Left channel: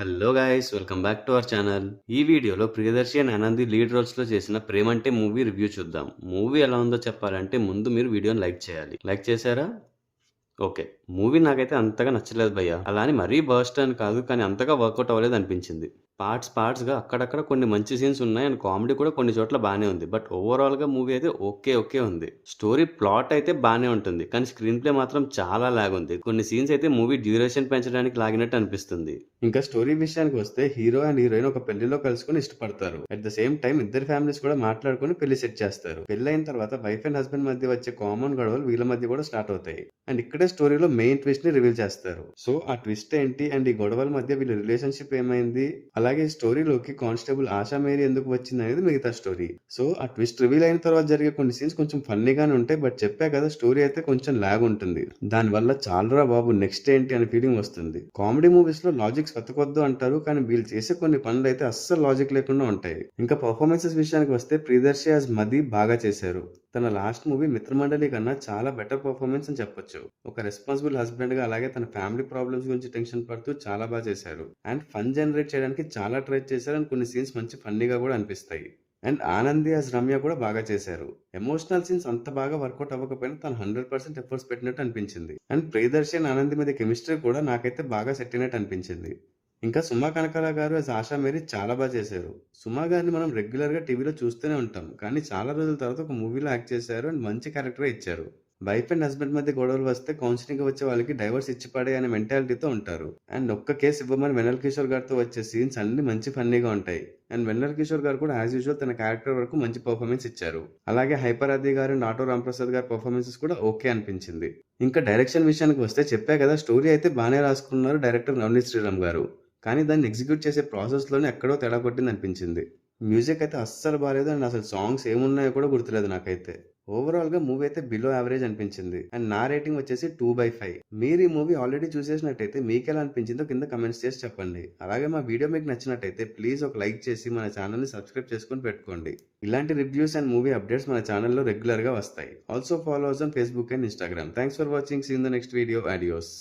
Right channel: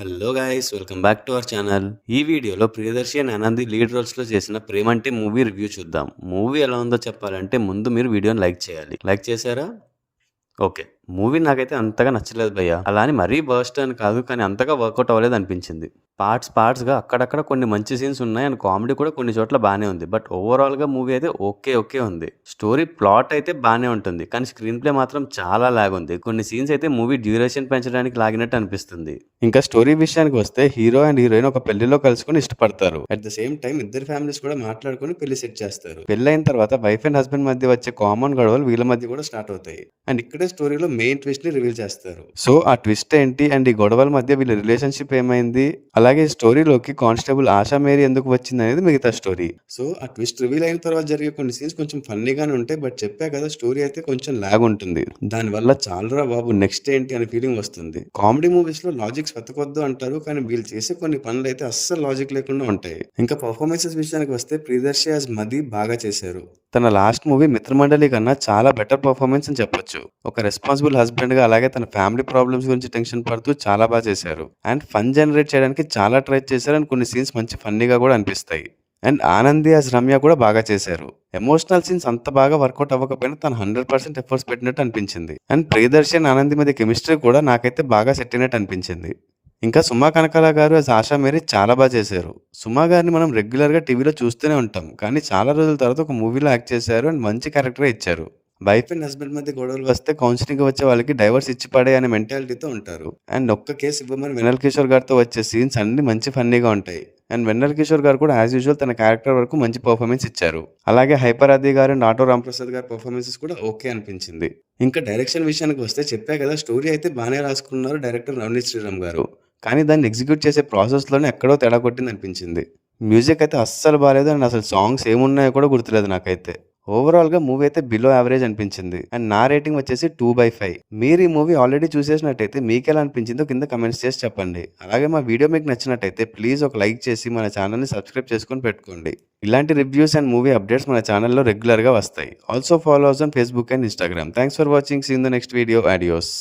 Hello guys, welcome back to our channel. ఈ వీడియోలో Priyadarshi and Anandi lead రోల్స్లో చేసిన ప్రేమంటే మూవీ రివ్యూ చూద్దాం. మూవీ ఎలా ఉందో చెప్పాలంటే ముందు మీరు వీడియోని లైక్ చేయాలి. లైక్ చేశారా? ఓకే. మూవీ నాకైతే అంతగా నచ్చలేదు భయ్య. అలా అని మరీ బర్స్ట్ అని కాదు, కానీ అంతగా వర్కౌట్ అవ్వలేదు అనిపించింది. పార్ట్స్గా అక్కడక్కడ కొన్ని మంచి సీన్స్ ఉన్నాయి అండ్ కామెడీ కూడా కొన్ని చోట్ల బాగానే ఉంది. బట్ ఓవరాల్గా మూవీ అయితే ఓకే ఉంది. స్టోరీ ప్లాట్ అయితే బాగానే ఉంటుంది, కానీ స్క్రీన్ ప్లే మాత్రం చాలా లాగ్ ఉంది. కొన్ని సీన్స్ అయితే మూవీ డ్యూరేషన్ పెంచడానికి లాగినట్టు అనిపిస్తుంది. ఇంకా స్టోరీ విషయానికి వస్తే హీరో అండ్ హీరోయిన్ ఒక పెళ్లిలో కలుసుకుని ఇష్టపడతారు. అట్ ద సేమ్ టైం ఇద్దరు ఫ్యామిలీస్ కూడా మాట్లాడుకుని పెళ్లి సెట్ చేస్తారు. పెళ్లి తర్వాత వైఫ్ అండ్ హస్బెండ్ మధ్య వచ్చే కామన్ గొడవలు వీళ్ళ మధ్య కూడా స్టార్ట్ అవుతాయి. అండ్ ఇక్కడే స్టోరీలో మెయిన్ ట్విస్ట్ ని రివీల్ చేస్తారు. సో ఆ ట్విస్ట్ ఏంటి అండ్ ఈ గొడవల మధ్య వీళ్ళ రిలేషన్షిప్ ఏమైంది, అలాగే స్టోరీలోకి కానిస్టేబుల్ ఆశా మేరీ ఎందుకు వచ్చింది అనేది మిగతా స్టోరీ. సో ఆ ట్విస్ట్ రివీల్ అయిన తర్వాత జరిగే కొన్ని సీన్స్ కొంచెం ఫన్నీగానే ఉంటాయి. బట్ చెప్పా కదా, స్టోరీ అయితే కొంచెం లాగ్ ఉంటుంది. దానివల్ల చాలరా బాబు నెక్స్ట్ ఏంటి అనే ఫీలింగ్ వస్తుంది. కామెడీ మూవీస్ లో లాజిక్స్ వెతకొద్దు అంటారు, కానీ వీళ్ళు చేసే కొన్ని పనులు అయితే అస్సలు లాజిక్ లేకుండా ఉంటాయి. ఇంకా పర్ఫార్మెన్సెస్ విషయానికి వస్తే ప్రియదర్శి యాజ్ మది బాగా చేశారు. తన లాస్ట్ మూవీ మిత్రమండలి కన్నా చాలా బెటర్ పర్ఫార్మెన్స్ అని చెప్పొచ్చు. ఒక రెస్పాన్సిబుల్ హస్బెండ్ గా, అలాగే తన ఫ్యామిలీ ప్రాబ్లమ్స్ గురించి టెన్షన్ పడుతూ చాలా బాగా చేశారు. అండ్ ఫన్ జనరేట్ చేయడానికి చాలా ట్రై చేశారు అండ్ కొన్ని సీన్స్ మంచి ఫన్నీగా కూడా అనిపిస్తాయి. అండ్ ఆనంది యాజ్ రమ్య కూడా బాగా చేశారు. ఎమోషనల్ సీన్స్ అంత బాగా వర్కౌట్ అవ్వకపోయినా తను 100% ఎఫర్ట్స్ పెట్టినట్టు అనిపించింది. అండ్ ప్రియదర్శి అండ్ ఆనంది మధ్య కెమిస్ట్రీ కూడా నాకైతే బాగా సెట్ అయినట్టు అనిపించింది. ఇంకా సుమా కనకాల గారు యాజ్ ఆశా మేరీ చాలా బాగా చేశారు. సుమా గారిని మనం రెగ్యులర్గా టీవీలో చూస్తూనే ఉంటాం, కానీ చాలా రోజుల తర్వాత ఒక మూవీలో యాక్ట్ చేశారు అండ్ మంచి క్యారెక్టర్ ఇచ్చారు. వైఫ్ అండ్ హస్బెండ్ మధ్య గొడవలు వస్తే కౌన్సిలింగ్ వచ్చే వాళ్ళకి డైవర్స్ ఇచ్చి పడే అనే మెంటాలిటీతో ఉంటారు. అండ్ ఒక్క కేసు ఇవ్వమని వెన్నెల కిషోర్ గారితో వచ్చే సీన్స్ అన్ని మంచి ఫన్నీగా ఉంటాయి. అండ్ వెన్నెల కిషోర్ గారు కూడా యాజ్ యూజువల్ తన క్యారెక్టర్ వరకు మంచి పర్ఫార్మెన్స్ ఇచ్చారు. అలాగే హైపర్ ఆది గారు అండ్ ఆటో రాంప్రసాద్ గారి పర్ఫార్మెన్సెస్ కూడా ఓకే అనిపించింది. ఇంకా డైరెక్షన్ విషయానికి వస్తే చెప్పా కదా, స్టోరీ అయితే బాగానే రాసుకున్నారు డైరెక్టర్ నవనీత్ శ్రీరామ్ గారు. కానీ దాన్ని ఎగ్జిక్యూట్ చేసే ప్రాసెస్లోనే ఎక్కడో తేడా కొట్టింది అనిపించింది. మ్యూజిక్ అయితే అస్సలు బాగాలేదు అండ్ అసలు సాంగ్స్ ఏమున్నాయో కూడా గుర్తులేదు నాకైతే. ఓవరాల్గా మూవీ అయితే బిలో యావరేజ్ అనిపించింది అండ్ నా రేటింగ్ వచ్చేసి 2/5. మీరు ఈ మూవీ ఆల్రెడీ చూసేసినట్టయితే మీకు ఎలా అనిపించిందో కింద కమెంట్స్ చేసి చెప్పండి. అలాగే మా వీడియో మీకు నచ్చినట్టయితే ప్లీజ్ ఒక లైక్ చేసి మన ఛానల్ని సబ్స్క్రైబ్ చేసుకొని పెట్టుకోండి. ఇలాంటి రివ్యూస్ అండ్ మూవీ అప్డేట్స్ మన ఛానల్లో రెగ్యులర్గా వస్తాయి. Also follow us on Facebook and Instagram. Thanks for watching. See in the next video. Audios.